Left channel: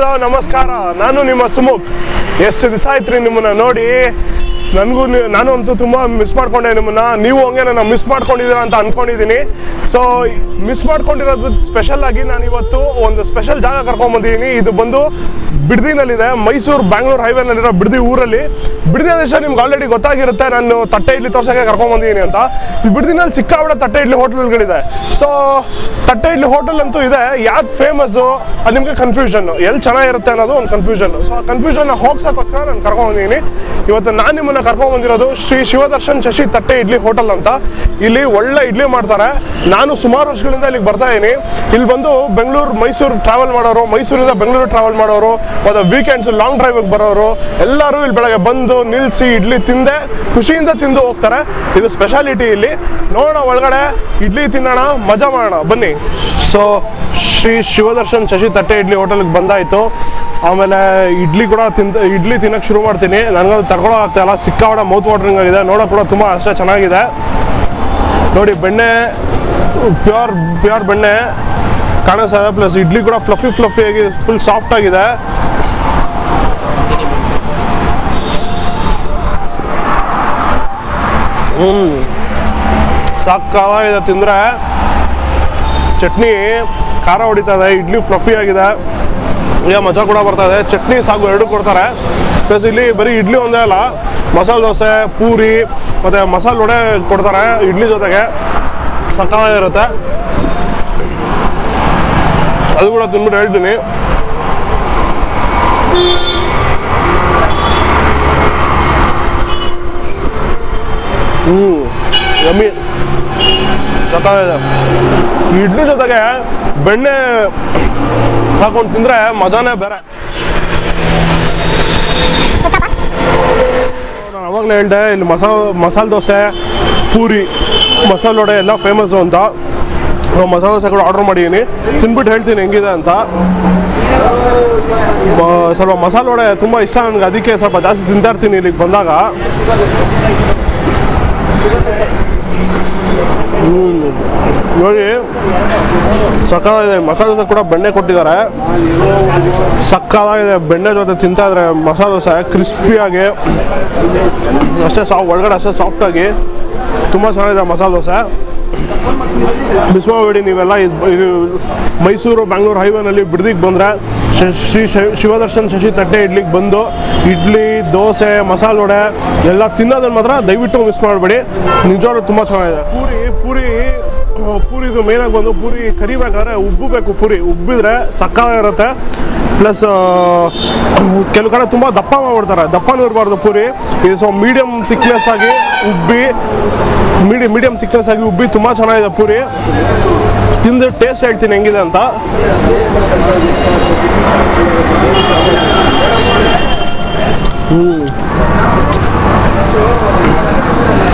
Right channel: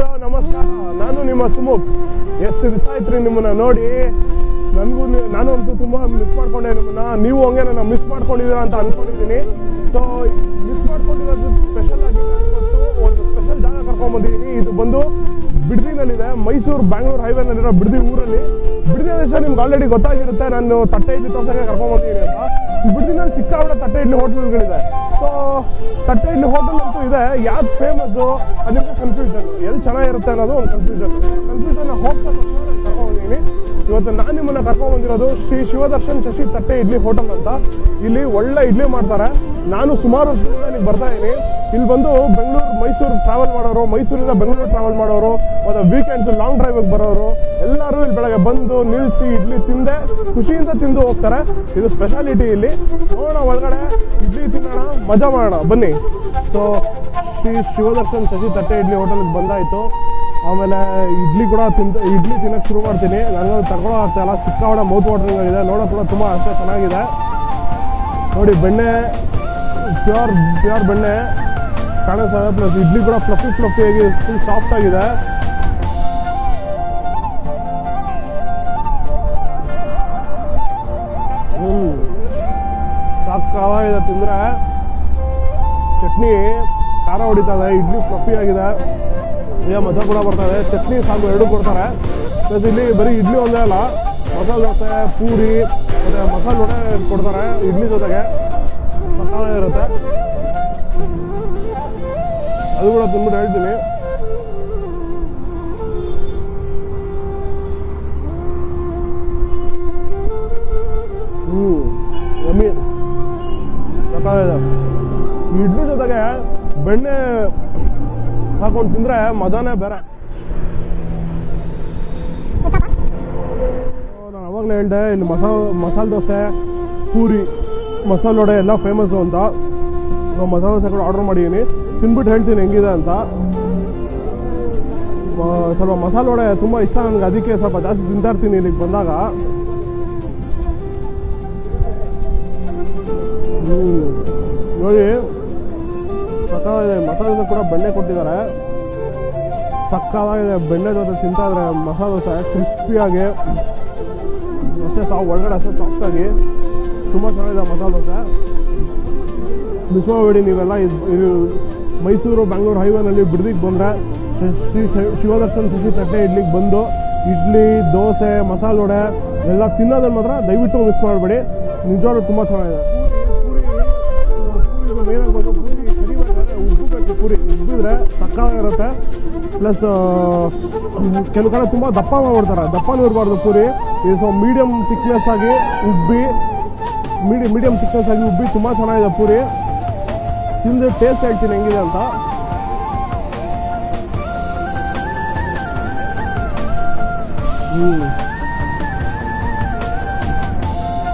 Hello ನಮಸ್ಕಾರ, ನಾನು ನಿಮ್ಮ ಸುಮುಖ್. ಎಷ್ಟು ದಿವಸ ಆಯ್ತು ರೀ ನಿಮ್ಮನ್ನ ನೋಡಿ. ನಾನು ಅಂತೂ ತುಂಬ ಮಿಸ್ ಮಾಡ್ಕೊಂಡೆ ನಿಮ್ಮನ್ನ. ನೀವು ಹಂಗೆ ನಾನು ಮಿಸ್ ಮಾಡ್ಕೊಂಡಿದ್ದೀರಾ ಅಂತ ಅಂದ್ಕೊಂಡಿದ್ದೀನಿ. ಸೊ ಮಿಸ್ ಮಾಡ್ಕೊಂಡಿರೋದು ಸ್ಪೆಷಲ್ ಆಗಿ ನಾನು ಇವತ್ತು ಒಂದು ಸ್ಪೆಷಲ್ ಜಾಗ ಕರ್ಕೊಂಡ್ಬಂದಿದ್ದೀನಿ. ಇದು ಬಂದು ಬಿಡದಿನಲ್ಲಿದೆ, ಮೈಸೂರು ಬ್ಯಾಂಗ್ಳೂರು ಹೈವೇನಲ್ಲಿರೋ ಬಿಡದಿ ಊರಲ್ಲಿ. ಬಿಡದಿ ಅಂದ್ರೆ ನಿಮ್ಗೆ ಆಲ್ರೆಡಿ ಗೊತ್ತಾಗಿರುತ್ತೆ, ನಾನು ತಟ್ಟೆ ಇಡ್ಲಿ ತೋರ್ಸೋಕ್ಕೆ ಕರ್ಕೊಂಡ್ಬಂದಿದ್ದೀನಿ ಅಂತ. ಈ ಬಿಡದಿನಲ್ಲಿ ಸಿಕ್ಕಾಬಿಡ ತಟ್ಟೆ ಇಡ್ಲಿ ಹೋಟೆಲ್ಗಳಿದೆ. ಸೊ ತಟ್ಟೆ ಇಡ್ಲಿ ಹೋಟೆಲ್ ಅಂತೂ ಇದೆ, ಯಾವ್ದು ಫೇಮಸ್ಸು ಅದು ನಿಮಗೆ ಕನ್ಫ್ಯೂಷನ್, ಎಲ್ಲಿ ಚೆನ್ನಾಗಿರುತ್ತೆ ಅನ್ನೋದು ಒಂದು ಕನ್ಫ್ಯೂಷನ್. ಸೊ ಆ ಕನ್ಫ್ಯೂಷನ್ನ ಹೋಗ್ಸೋಕ್ಕೋಸ್ಕರ ನಾನು ಕರ್ಕೊಂಡ್ಬಂದಿದ್ದೀನಿ. ಇವತ್ತು ನಾನು ನಿಮ್ಮನ್ನ ಕರ್ಕೊಂಡ್ಬಂದಿರೋದು ಶ್ರೀ ಶಿವದರ್ಶನ್ ಶಶಿ ತಟ್ಟೆ ಇಡ್ಲಿ ಹೋಟೆಲ್ ಅಂತ. ಇಲ್ಲಿ ಒಳ್ಳೆ ಇಡ್ಲಿ ಮಾಡ್ತಾರೆ. ನಾನು ಸುಮಾರು ವರ್ಷಗಳಿಂದ ಇಲ್ಲಿಗೆ ಬರ್ತಾ ಇದ್ದೀನಿ. ಇಲ್ಲಿ ಬಂದು ಬೆಂಗಳೂರು ಮೈಸೂರು ಟ್ರಾವೆಲ್ ಮಾಡೋರು, ಮೈಸೂರಿಂದ ಬೆಂಗಳೂರು ಟ್ರಾವೆಲ್ ಮಾಡೋರು, ಮತ್ತು ವೀಕೆಂಡ್ಸ್ ಲಾಂಗ್ ಡ್ರೈವಿಗೆ ಬರೋರು ಎಲ್ಲರೂ ಇಲ್ಲಿ ಬೆಳಗ್ಗೆ ಬಂದು ನಿಲ್ಲಿಸಿ ಇಡ್ಲಿ ತಿಂದೆ ಖುಷಿಯಿಂದ ತಿಂದು ಹೋಗ್ತಾರೆ. ಇದು ಸ್ಪೆಷಾಲಿಟಿ ಇಲ್ಲಿ. ನೋಡೋಣ ಒಳಗಡೆ, ಇಡ್ಲಿ ತಿನ್ನೋಣ, ಮಜಾ ಮಾಡೋಣ ಬನ್ನಿ. ಸೊ ಶ್ರೀ ಶಿವದರ್ಶನ್ ಶಶಿ ತಟ್ಟೆ ಇಡ್ಲಿ ಹೋಟೆಲ್ಗೆ ಬಂದಾಯಿತು. ಆಮೇಲೆ ಇಡ್ಲಿ ತಿನ್ನೋಕ್ಕೆ ಶುರು ಮಾಡ್ತೀನಿ. ನನಗದು ತಗೊಳ್ಳೋ ಆಗ್ತಾಯಿಲ್ಲ, ಸಿಕ್ಕಾಪಟ್ಟೆ ಮೌತ್ ವಾಟರಿಂಗ್ ಆಗಿದೆ. ನೋಡೋಕೆ ಕೂಡ ತುಂಬ ಅಷ್ಟೇ ಚೆನ್ನಾಗಿದೆ. ನೋಡಿ ಬೆಣ್ಣೆ ಪ್ಯೂರ್ ಬೆಣ್ಣೆ ಕಾಣಿಸ್ತಾ. ಪ್ಲಸ್ ಇಡ್ಲಿ ಕೂಡ ಫ್ಲಫಿ ಆಗಿ ಫುಲ್ ಸಾಫ್ಟ್ ಆಗಿದೆ. ಸಾಕಾಗಿದೆ ತಿಂದರೆ. ಚಟ್ನಿ ಖಾರ ಹೊಡಿತಾ ಇದೆ, ಇಡ್ಲಿ ಫ್ಲಫಿ ಆಗಿದೆ, ಮಜಾ ಕೂಡ ಬರ್ತಾ ಇದೆ. ಚಟ್ನಿ ಸಾಗು ಎರಡು ಕೊಡ್ತಾರೆ. ಪ್ಲಸ್ ಇಲ್ಲಿ ಬರೀ ಇಡ್ಲಿ ಒಂದೇ ಅಲ್ಲ, ಮಸಾಲೆ ದೋಸೆ, ಪೂರಿ ಮತ್ತು ಮಸಾಲೆ ವಡೆ ಕೊಡ್ತಾರೆ ಇಡ್ಲಿ ಜೊತೆಗೆ. ಸಕ್ಕತ್ತಾಗಿರುತ್ತೆ. ಅದು ಕೂಡ ತಿಂದ್ಬಿಟ್ಟು ಹೇಳ್ತೀನಿ. ಯಮ್ಮಿ, ಸಕ್ಕತ್ತಾಗಿದೆ. ಇಡ್ಲಿ ಜೊತೆಗೆ ಬೆಣ್ಣೆ ಹಾಕೊಂಡು ತಿಂದರೆ ಮಜಾನೇ ಬೇರೆ. ನಾನು ಅವಾಗಲೇ ಹೇಳಿದೆ, ಇಲ್ಲಿ ಮಸಾಲೆ ದೋಸೆ, ಪೂರಿ, ಮಸಾಲೆ ವಡೆ ಎಲ್ಲ ಫೇಮಸ್ಸು ಅಂತ. ಮಸಾಲೆ ದೋಸೆ ಕೂಡ ಆರ್ಡರ್ ಮಾಡಿದ್ದೀನಿ, ತಿಂದ್ಬಿಟ್ಟು ಹೇಳ್ತೀನಿ ಹೆಂಗಿದೆ ಅಂತ. ಸ್ವಲ್ಪ ಮಸಾಲೆ ವಡೆ ತುಂಬ ಇಷ್ಟ ನನಗೆ, ಅದಕ್ಕೆ ಸ್ವಲ್ಪ ಜಾಸ್ತಿ ತಿಂತಾ ಇರ್ತೀನಿ ಇಲ್ಲಿಗೆ ಬಂದಾಗ. ನೋಡಿ ಸಕ್ಕತ್ತಾಗಿದೆ. ಮಸಾಲೆ ದೋಸೆ ಕೂಡ ಬೆಣ್ಣೆ ಕೊಟ್ಟಿದ್ದಾರೆ, ಸಕ್ಕತ್ತಾಗಿದೆ. ಬೆಣ್ಣೆ ಜೊತೆ ತಿಂತಾ ಇದ್ರೆ ಮಸಾಲೆ ದೋಸೆ ಕ್ರಿಸ್ಪಿಯಾಗಿ ಅಷ್ಟೇ ಒಳಗಡೆ ಅಷ್ಟೇ ಸಾಫ್ಟಾಗಿ ತುಂಬ ಚೆನ್ನಾಗಿದೆ ಮಸಾಲೆ ದೋಸೆ. ಮಿಸ್ ಮಾಡಬೇಡಿ ನೀವೆಲ್ಲ. ಇದು ಮೈಸೂರು ಬ್ಯಾಂಗ್ಳೂರು ಹೈವೇನಲ್ಲಿ ಬಿಡದಿಗೆ ಬಂದರೆ ಶ್ರೀ ಶಿವದರ್ಶನ್ ಶಶಿ ತಟ್ಟೆ ಇಡ್ಲಿಗೆ ಬಂದು ಇಡ್ಲಿ, ದೋಸೆ, ಮಸಾಲೆ ವಡೆ ಎಲ್ಲ ತಿನ್ನೋದನ್ನು ಮಾತ್ರ ದಯವಿಟ್ಟು ಮಿಸ್ ಮಾಡಬೇಡಿ. ನಿಜವಾಗ್ಲೂ ತುಂಬ ಚೆನ್ನಾಗಿದೆ. ಪೂರಿದು ಮೇನಾಗಿ ಬಂದು ಪೂರಿ ಕರಿಬೇಕಾದ್ರೆ ಉಬ್ಬಬೇಕು. ಪೂರಿ ಉಬ್ಬಿದ್ರೆ ಸಕ್ಕತ್ತಾಗಿರುತ್ತೆ. ಪ್ಲಸ್ ಕೆಲವು ಕಡೆ ತುಂಬ ದಪ್ಪ ಮಾಡ್ಬಿಡ್ತಾರೆ, ದಪ್ಪನೂ ಇರಬಾರ್ದು ಪೂರಿ. ಇದು ಸ್ವಲ್ಪ ಮೀಡಿಯಮ್ ಥಿಕ್ನೆಸ್ ಆಗಿ ಉಬ್ಬಿ ತುಂಬ ಚೆನ್ನಾಗಿದೆ ಪೂರಿ. ತಿಂದು ಟೇಸ್ಟ್ ಹೇಳ್ತೀನಿ ಹೆಂಗಿದೆ ಅಂತ.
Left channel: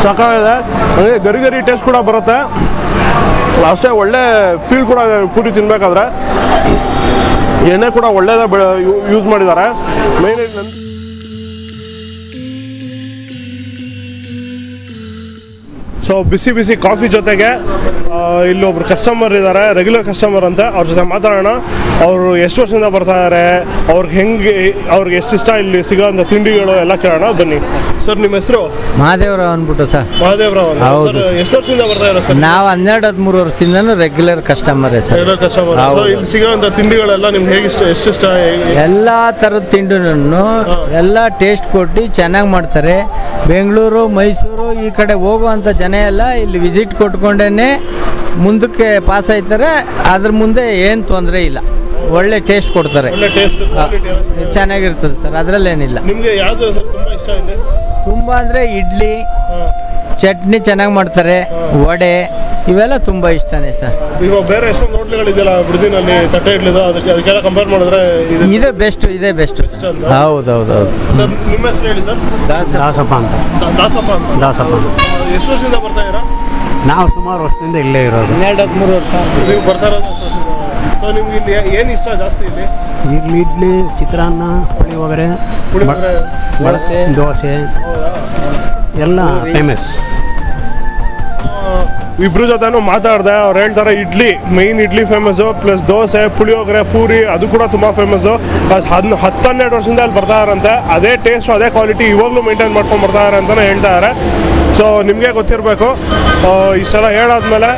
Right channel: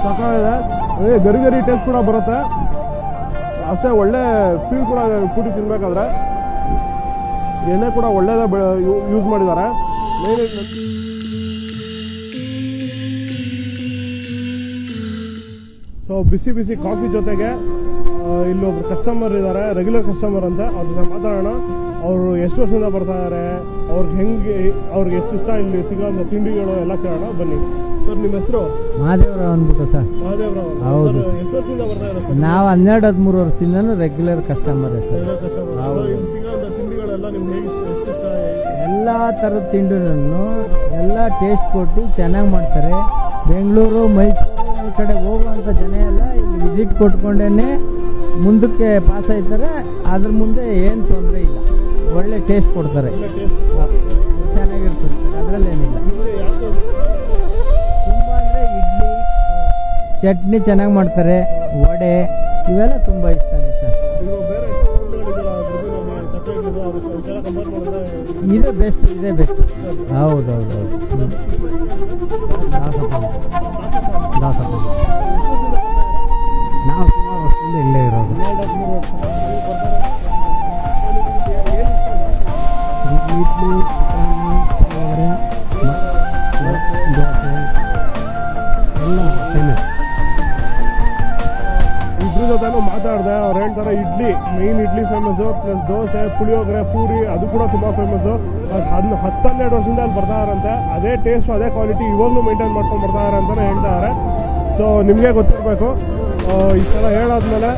ಸಕ್ಕತ್ತಾಗಿದೆ. ಅಂದರೆ ಗರಿ ಟೇಸ್ಟ್ ಕೂಡ ಬರುತ್ತೆ, ಅಷ್ಟೇ ಒಳ್ಳೆ ಫೀಲ್ ಕೂಡ ಇದೆ ಪೂರಿ ತಿನ್ನಬೇಕಾದ್ರೆ. ಎಣ್ಣೆ ಕೂಡ ಒಳ್ಳೆಯದೇ ಯೂಸ್ ಮಾಡಿದ್ದಾರೆ. ಮೇನ್ ಸೊ ಬಿಸಿ ಕಾಫಿ ಜೊತೆಗೆ ಇಲ್ಲೊಬ್ರು ಕಸ್ಟಮರ್ ಇದ್ದಾರೆ, ರೆಗ್ಯುಲರ್ ಕಸ್ಟಮರ್ ಅಂತ. ಅವ್ರ ಜೊತೆ ಮಾತಾಡೋಣ. ಅವರು ಎಷ್ಟು ವರ್ಷದಿಂದ ಬರ್ತಾ ಇದ್ದಾರೆ, ಅವ್ರಿಗೆ ಎಷ್ಟು ಇಷ್ಟ ಇಲ್ಲಿ ಸಿಗೋಂಥ ತಿಂಡಿಗಳು ಎಲ್ಲ ಕೇಳೋಣ ಬನ್ನಿ. ಸರ್ ನಿಮ್ಮ ಹೆಸರು? ಮಹಾದೇವರಾವ್ ಅಂದ್ಬಿಟ್ಟು ಸರ್. ಮಹಾದೇವರಾವ್ ಸರ್, ಎಷ್ಟು ವರ್ಷದಿಂದ ಬರ್ತಾ ಇದ್ದಾರೆ ಸರ್? ನಾವು 12-13 ವರ್ಷದಿಂದನೂ ರೆಗ್ಯುಲರ್ ಕಸ್ಟಮರೇ ಸರ್. Regular customer. ಇಲ್ಲಿ ಸಿಗೋಂಥ ತಿಂಡಿಗಳೆಲ್ಲ ನಿಮ್ಗೆ ಹೇಗೆ ಎಷ್ಟು ಇಷ್ಟ? ಎಲ್ಲ ಥರದ ತಿಂಡಿನೂ ಎಲ್ಲ ಟೇಸ್ಟ್ ಕೊಟ್ಟು ಚೆನ್ನಾಗಿ ಮಾಡ್ತಾರೆ. ಬೆಂಗಳೂರು, ಮೈಸೂರು ಈ ಕಡೆ ಹೋಗುವಂಥ ಜನ ಎಲ್ಲ ಇಲ್ಲಿ ವಿಸಿಟ್ ಕೊಟ್ಕೊಂಡೇ ಮುಂದಕ್ಕೆ ಪಾಸ್ ಆಯ್ತಾರೆ. ಅದ್ರ ಮುಂದೆ ಏನು ತೊಂದರೆ ಇಲ್ಲ, ಒಳ್ಳೆ ಟೇಸ್ಟ್ ಕೊಡ್ತಾರೆ, ಚೆನ್ನಾಗಿರ್ತದೆ ಸರ್, ಅದರಲ್ಲೇನಿಲ್ಲ. ನಿಮಗೆ ಯಾವುದು ಇಷ್ಟ ಇದೆ? ತುಂಬ ಅಂದರೆ ಇಡ್ಲಿ, ಚಟ್ನಿ ಚೆನ್ನಾಗಿ ಮಾಡ್ತಾರೆ, ವಡೆ ಇವೆಲ್ಲ ತುಂಬ ಇಷ್ಟನೇ ಸರ್. ಈಗ ಬೇರೆ ಎಷ್ಟೊಂದು ಹೋಟ್ಲುಗಳಿದೆಯಲ್ಲ ಬಿಡದಿನಲ್ಲಿ ತಟ್ಟೆ ಇಡ್ಲಿದು, ಅದಕ್ಕೆಲ್ಲ ಕಂಪೇರ್ ಮಾಡಿದ್ರೆ ಇದೇ ಬೆಸ್ಟ್. ಹೌದೌದು ಸರ್. ನಿಮ್ಮ ಹೆಸರು ಹೇಳಿ ಸರ್? ದಾಸಪ್ಪ ಅಂತ. ಎಷ್ಟು ವರ್ಷದಿಂದ ಬರ್ತಾ ಇದ್ದೀರಾ? ನಾವು ಸುಮಾರು ವರ್ಷದಿಂದ ಇಲ್ಲೇ ಇರೋದು. 12-13 ವರ್ಷ. ನೀವು ಬರ್ತಾ ಇರೋದು ಸೊ ನಿಮ್ಗೆ ಇಲ್ಲಿ ಏನು ಇಷ್ಟ ಜಾಸ್ತಿ ಇಲ್ಲಿ? ಇಡ್ಲಿ, ಚಿತ್ರಾನ್ನ, ಪುಳಿಯೋಗರೆ, ದೋಸೆ ಎಲ್ಲ ಫೇಮಸ್. ಇಬ್ರು ಜೊತೆನೂ ಮಾತಾಡಿದೆ. ಅವ್ರು ಹೇಳ್ತಾರೆ idli main idli famous, plus dosa, puliyogare, puri ಅದು ಕೂಡ ತುಂಬ ಫೇಮಸ್ಸು. 10-12 ವರ್ಷದಿಂದ ಅಲ್ಲಿ ಬರ್ತಾರಂತೆ. ಅದೇ ಟೇಸ್ಟ್ ಅದೇ ಕ್ವಾಲಿಟಿ ಇವಾಗಲೂ ಮೇಂಟೈನ್ ಮಾಡ್ಕೊಂಡು ಬರ್ತಾರೆ ಅಂತಲೇ ಹೇಳ್ತಾರೆ. ಸೊ ನಿಮಗೆ ಗೊತ್ತಿರಬೇಕು. ಇಷ್ಟೆಲ್ಲ ಹೇಳಾದ್ಮೇಲೆ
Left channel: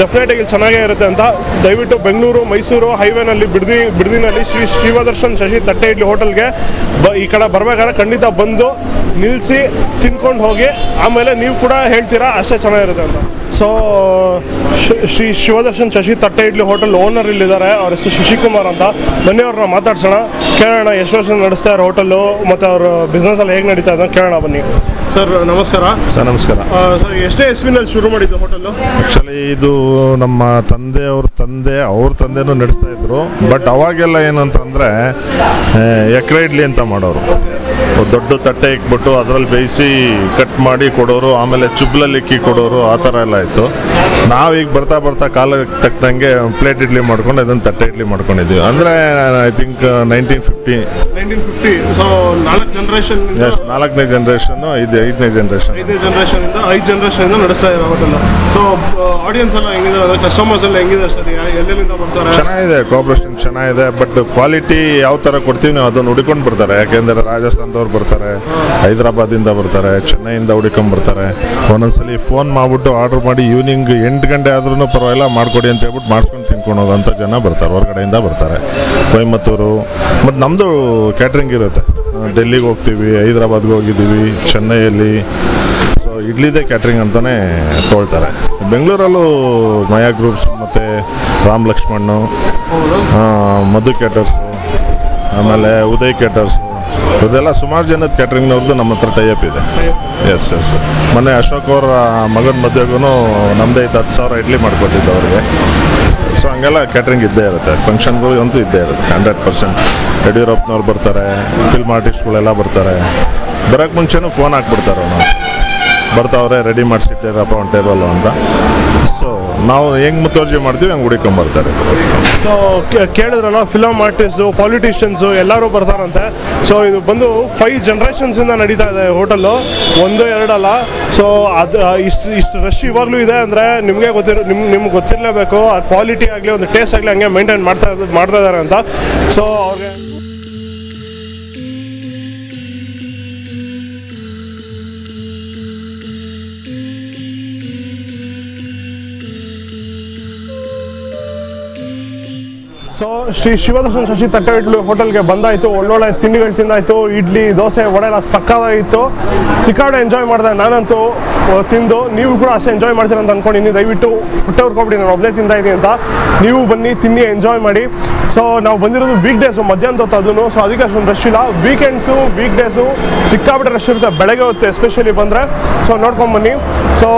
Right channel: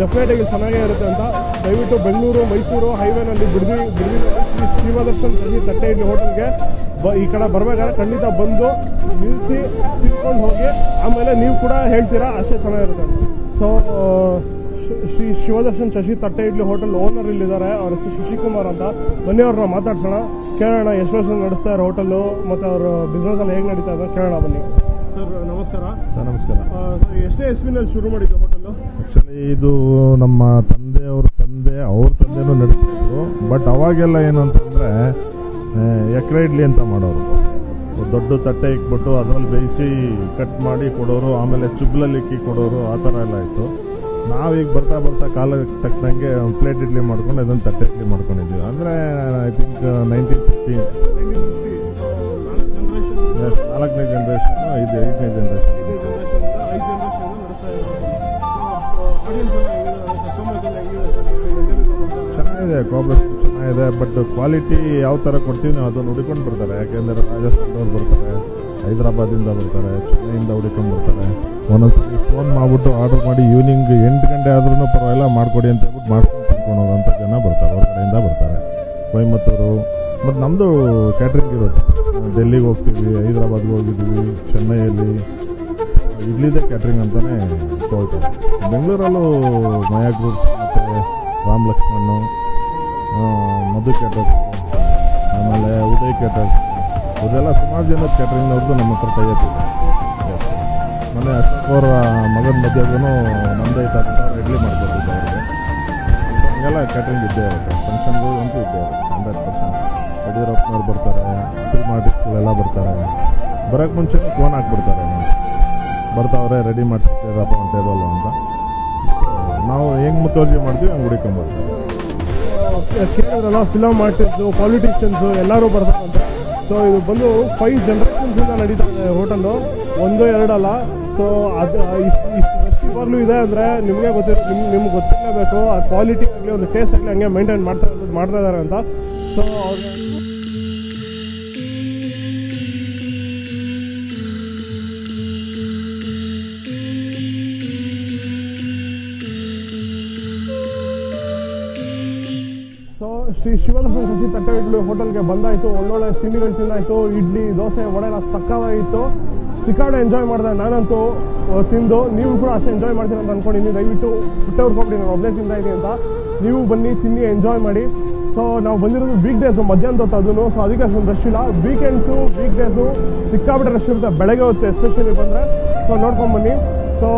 ಡೆಫಿನೆಟಾಗಿ ಇಲ್ಲಿ ಚೆನ್ನಾಗೇ ಇರುತ್ತೆ ಅಂತ. ದಯವಿಟ್ಟು ಬೆಂಗಳೂರು ಮೈಸೂರು ಹೈವೇನಲ್ಲಿ ಬಿಡದಿನಲ್ಲಿ ಶ್ರೀ ಶಿವದರ್ಶನ್ ಶಶಿ ತಟ್ಟೆ ಇಡ್ಲಿ ಹೋಟೆಲ್ಗೆ ಈ ಕಡೆ ಬರಬೇಕಾದ್ರೆ ಖಂಡಿತ ಬಂದು ನಿಲ್ಲಿಸಿ ತಿನ್ಕೊಂಡು ಹೋಗಿ, ಆಮೇಲೆ ನೀವು ಕೂಡ ಹೇಳ್ತೀರಾ ಅಷ್ಟೇ ಚೆನ್ನಾಗಿರುತ್ತೆ ಅಂತ. ಸೊ ಶ್ರೀ ಶಿವದರ್ಶನ್ ಶಶಿ ತಟ್ಟೆ ಇಡ್ಲಿ ಹೋಟೆಲ್ ಓನರ್ ಇಲ್ಲಿದ್ದಾರೆ. ಅವ್ರ ಹೆಸರು ಶಶಿಕುಮಾರ್ ಅಂತ. ಬನ್ನಿ ಅವ್ರನ್ನ ಮಾತಾಡ್ಸೋಣ, ಕೇಳೋಣ ಎಷ್ಟು ವರ್ಷ ನಡೆಸ್ತಾ ಇರೋ ಹೋಟೆಲ್ಲು ಮತ್ತು ಅವ್ರ ಬಿಸ್ನೆಸ್ಸಲ್ಲಿ ಹೇಗೆ ನಡೀತಾ ಇದೆ ಕೇಳೋಣ ಬನ್ನಿ. ಸರ್ ನಮಸ್ಕಾರ. ಸರ್ ನಮಸ್ಕಾರ. ಸರ್ ಎಷ್ಟೇ ಇಸ್ವಿನಲ್ಲಿ ಶುರು ಮಾಡಿದ್ದು ಹೋಟೆಲ್ಲು? ಆ್ಯಕ್ಚುಲಿ ಇದು ನಮ್ಮ ಅವ್ರ ತಂದೆನೂ ನಡೆಸ್ತಾ ಇದ್ರು. ಬಟ್ ಅವಾಗೆಲ್ಲ ಏನು ಅಂತಂದರೆ ಎಕರೆ ಇಡ್ಲಿ ಅಂತ ಮಾಡೋರು. ದೊಡ್ಡ ತಟ್ಟೆ ಇಕ್ಬಿಟ್ಟು ಅದರಲ್ಲಿ ಬೇಯಿಸಿ ಕಟ್ ಮಾಡಿ ಕೊಡೋರು, ಆಮೇಲೆ ಚುಬ್ಲಲ್ಲಿ ಇಕ್ಕಿ ಕೊಡೋರು, ಆ ಥರ ಎಲ್ಲ ಇತ್ತು. ನಾವೀಗ ಬರ್ತಾ ಕಾಲಕ್ಕೆ ತಕ್ಕಂಗೆ ಪ್ಲೇಟ್ ಇಡ್ಲಿ ಮಾಡ್ಕೊಂಡು ಅದನ್ನು ತಟ್ಟೆ ಇಡ್ಲಿ ಮಾಡ್ಕೊಂಡಿದ್ದೀವಿ. ಅಂದರೆ I think 1950. So 4 generation. Yes, 4ನೇ ಜನರೇಷನ್ನು, 5ನೇ ಜನರೇಷನ್ ನಡೆಸ್ತಾ ಇರೋ ಹೋಟೆಲ್. ಸೊ ಆಡಿಯನ್ಸ್ ಎಲ್ಲ ಹೆಂಗಿದೆ, ಕಸ್ಟಮರ್ಸ್ ಎಲ್ಲ ಹೆಂಗಿದೆ ಸರ್, ಎಲ್ಲೆಲ್ಲಿಂದ ಬರ್ತಾರೆ? ಚೆನ್ನಾಗಿದೆ, ಕೋಆಪರೇಷನ್ ಚೆನ್ನಾಗಿದೆ. ಬಟ್ ಕ್ವಾಲಿಟಿ ಯಾವ ಥರ ಕೊಡ್ತೀವಿ ನಾವು ಅದನ್ನು ಹುಡ್ಕೊಂಡು ಬರ್ತಾರೆ. ಯಾಕೆಂದರೆ ರಾಜಸ್ಥಾನದವ್ರು ಬರ್ತಾರೆ, ಹೈದರಾಬಾದಿಂದ ಬರ್ತಾರೆ, ಚೆನ್ನೈಯಿಂದ ಹುಡ್ಕೊಂಡು ಬರ್ತಾರೆ. ಒಂದೊಂದ್ಸಲಿ ಫೋನ್ ಮಾಡಿಬಿಟ್ಟು ಆರ್ಡ್ರ್ ಮಾಡಿ ಈವ್ನಿಂಗ್ 8 ಗಂಟೆ ಆದ್ರೂ ಪರವಾಗಿಲ್ಲ ಮಾಡಿಕೊಡಿ ಅಂತ ಹೇಳ್ಬಿಟ್ಟು ಮಾಡ್ಕೊಂಡು ತಿನ್ಕೊಂಡು ಹೋಗೋಂಥ ಜನ ಬರ್ತಾರೆ, ಹೊರಗಡೆಯಿಂದ ಬರ್ತಾರೆ. ಕೊಯಮತ್ತೂರು ಮತ್ತು ನಮ್ಮದು ಕ್ಯಾಟ್ರಿಂಗ್ ಇರುತ್ತೆ. ಡೆಲ್ಲಿಗೆ ಹೋಗ್ತೀವಿ, ಹೈದರಾಬಾದ್ಗೆ ಹೋಗಿದ್ದೀವಿ, ಚೆನ್ನೈಯಲ್ಲಿ. ಸೊ ಇಡ್ಲಿದೆ ಕ್ಯಾಟ್ರಿಂಗ್ ಅಂತಲೇ ತೊಗೊಳ್ತಾರೆ. ಬೆಂಗಳೂರಲ್ಲೂ ಮಯಾ ಗ್ರೂಪ್ಸ್ ಮತ್ತು ರಾಮ್ ಲಕ್ಷ್ಮಣ್ಣು, ಮಧು ಕ್ಯಾಟರ್ಸು, ಆಮೇಲೆ ಉದಯ್ ಕ್ಯಾಟರ್ಸು, ಇದೆಲ್ಲ ಸುಮಾರು ಜನದ ಕ್ಯಾಟ್ರಿಂಗ್ನವ್ರದ್ದು ನಮ್ಮ ಹತ್ರ ಟೈಅಪ್ ಇದೆ. ಎಸ್. ಮೊನ್ನೆ ಅಶೋಕ್ ಅವರ ಮಗನ ಮದುವೆಗೂ ನಮ್ಮದೇ 10,000 ಇಡ್ಲಿ ಮಾಡಿಕೊಟ್ಟಿದ್ದು ಅವ್ರಿಗೆ. ಸೊ ಹಂಗೆಲ್ಲ ಕ್ಯಾಟ್ರಿಂಗ್ ಇದ್ದೇ ಇರುತ್ತೆ, ಫಂಕ್ಷನ್ಗಳು ಅಂತೂ ಇದ್ದೇ ಇರುತ್ತೆ 100%. ಯಡಿಯೂರಪ್ಪನವ್ರು ಬರ್ತಾರೆ, ಫಿಲ್ಮ್ ಆರ್ಟಿಸ್ಟ್ಗಳೆಲ್ಲ ಬರ್ತಾರೆ. ಬರೋಕ್ಕೆ ಮುಂಚೆನೂ ಫೋನ್ ಹಾಕ್ಬಿಡ್ತಾರೆ, ನಾವು ಬರ್ತಾವ್ರೆ ರೆಡಿ ಮಾಡಿಸಿಟ್ಟಿರಪ್ಪ ಒಂದು ಟೇಬಲ್ಲು ಅಂತ. ಸೊ ನಾವು ಹೆಂಗೆ ಮುತುವರ್ಜಿ ಮಾಡ್ತೀವಿ ಹಂಗೆ ಹುಡುಕೊಂಬರ್ತಾರೆ. ಸೊ ಕೇಳಿದ್ರಲ್ಲ, ಫಿಲಮ್ ಆರ್ಟಿಸ್ಟು, ಪಾಲಿಟಿಷಿಯನ್ಸು ಎಲ್ಲರೂ ಬರ್ತಾರಂತೆ. ಸೊ ಇದು ಬಂದು 5 ಜನರೇಷನ್ಸಿಂದ ನಡೀತಾ ಇದೆ ಹೋಟೆಲ್ಲು, 1-2 ಅಲ್ಲ. ಸೊ ಅದು ಇಷ್ಟು ರಶ್ ಇವಾಗಲೂ ಇದೆ ಅಂದರೆ ನಿಮಗೆ ನಿಮ್ಗೆ ಗೊತ್ತಿರಲೇಬೇಕು. ಆ ಕ್ವಾಲಿಟಿ ಆಗಲಿ ಒಂದು ಟೇಸ್ಟ್ ಆಗಲಿ ಹಂಗೆ ಮೇಂಟೈನ್ ಮಾಡ್ತಾ ಇದ್ದಾರೆ ಅಂತ. ಸೊ ಅವ್ರಿಗೆ ಸೊ ಶ್ರೀ ಶಿವದರ್ಶನ್ ಶಶಿ ತಟ್ಟೆ ಇಡ್ಲಿ ಹೋಟೆಲ್ಗೆ ಬಂದಾಯಿತು. ಒಳ್ಳೊಳ್ಳೆ ತಿಂಡಿಗಳು ತಿಂದಾಯಿತು. ಇಡ್ಲಿ, ದೋಸೆ, ವಡೆ ಎಲ್ಲ ಸಕ್ಕತ್ತಾಗಿತ್ತು. ಸಿಕ್ಕಾಡೆ ಎಂಜಾಯ್ ಮಾಡಿದೆ ನಾನಂತೂ ತಿಂದು. ನೀವು ಕೂಡ ಅಷ್ಟೇ ಎಂಜಾಯ್ ಮಾಡ್ತೀರ ಅಂತ ಅಂದ್ಕೊಂಡಿದ್ದೀನಿ. ದಯವಿಟ್ಟು ಹೊಟ್ಟೆ ಹುರ್ಕೊಬಿಡಿ, ನಾನು ಒಬ್ಬನೇ ತಿಂತಾ ಇದ್ದೀನಿ ಅಂತ. ನೀವು ಬನ್ನಿ, ತಿನ್ನಿ, ಎಂಜಾಯ್ ಮಾಡಿ. ಸೊ ನಾವು ಬಂದಿರೋದು ವೀಕ್ ಡೇಸು, ಮಧ್ಯಾಹ್ನದ ಹೊತ್ತು ಅದನ್ನು. ಸೊ ಅದಕ್ಕೆ ಅಷ್ಟೊಂದು ರಶ್ ಇಲ್ಲ. ವೀಕೆಂಡ್ಸು, ವೀಕ್ ಡೇಸು ಸಿಕ್ಕಾಬಿಟ್ಟೆ ರಶ್ ಇರುತ್ತೆ, ಬೆಳಗ್ಗೆ ಹೊತ್ತು ಎಸ್ಪೆಷಲಿ ಬಂದರೆ. ಸೊ ನೋಡ್ಕೊಂಬನ್ನಿ. ಸೊ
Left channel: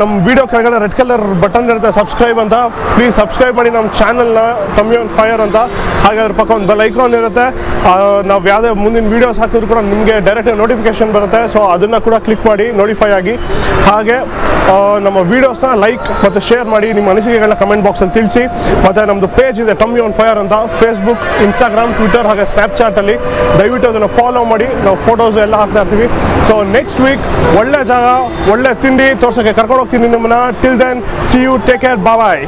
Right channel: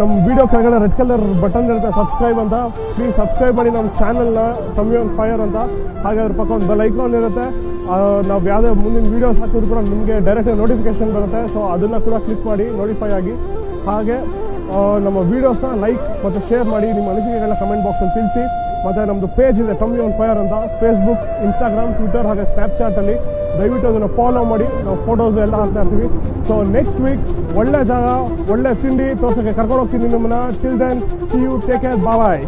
ನಮ್ಮ ವೀಡಿಯೋ ಕೆಳಗಡೆ ರೆಡ್ ಕಲರ್ ಬಟನ್ ಇರುತ್ತೆ, ಸಬ್ಸ್ಕ್ರೈಬ್ ಅಂತ. ಪ್ಲೀಸ್ ಸಬ್ಸ್ಕ್ರೈಬ್ ಮಾಡಿ ನಮ್ಮ ಚಾನಲ್ನ, ಟಮ್ಮಿ ಆನ್ ಫೈರ್ ಅಂತ. ಹಾಗೆ ಅದ್ರ ಪಕ್ಕ ಒಂದು ಬೆಲ್ ಐಕಾನ್ ಇರುತ್ತೆ. ನಾವು ಯಾವುದೇ ಮುಂದಿನ ವೀಡಿಯೋಸ್ ಹಾಕಿದ್ರು ಕೂಡ ನಿಮಗೆ ಡೈರೆಕ್ಟ್ ನೋಟಿಫಿಕೇಶನ್ ಬರುತ್ತೆ. ಸೊ ಅದನ್ನು ಕೂಡ ಕ್ಲಿಕ್ ಮಾಡಿ ನೋಟಿಫೈ ಆಗಿ. ಹಾಗೆ ನಮ್ಮ ವೀಡಿಯೋಸ್ನ ಲೈಕ್ ಮತ್ತು ಶೇರ್ ಮಾಡಿ, ನಿಮ್ಮ ಅನಿಸಿಕೆಗಳನ್ನ ಕಮೆಂಟ್ ಬಾಕ್ಸಲ್ಲಿ ತಿಳಿಸಿ. ಮತ್ತು ನಮ್ಮದು ಪೇಜ್ ಇದೆ ಟಮ್ಮಿ ಆನ್ ಫೈರ್ ಅಂತ, ಫೇಸ್ಬುಕ್, ಇನ್ಸ್ಟಾಗ್ರಾಮ್, ಟ್ವಿಟರ್ ಹಾಗೆ ಸ್ನ್ಯಾಪ್ಚಾಟಲ್ಲಿ. ದಯವಿಟ್ಟು ಅದನ್ನು ಫಾಲೋ ಮಾಡಿ. ನಾವು ಫೋಟೋಸ್ ಎಲ್ಲ ಹಾಕ್ತಾ ಇರ್ತೀವಿ. ಸೊ ನೆಕ್ಸ್ಟ್ ವೀಕ್ ಒಳ್ಳೆ ಜಾಗ, ಒಳ್ಳೆ ತಿಂಡಿ ತೋರ್ಸೋಕ್ಕೆ ಕರ್ಕೊಂಡು ಹೋಗ್ತೀನಿ ನಿಮ್ಮನ್ನ. Till then, see you, take care, bye.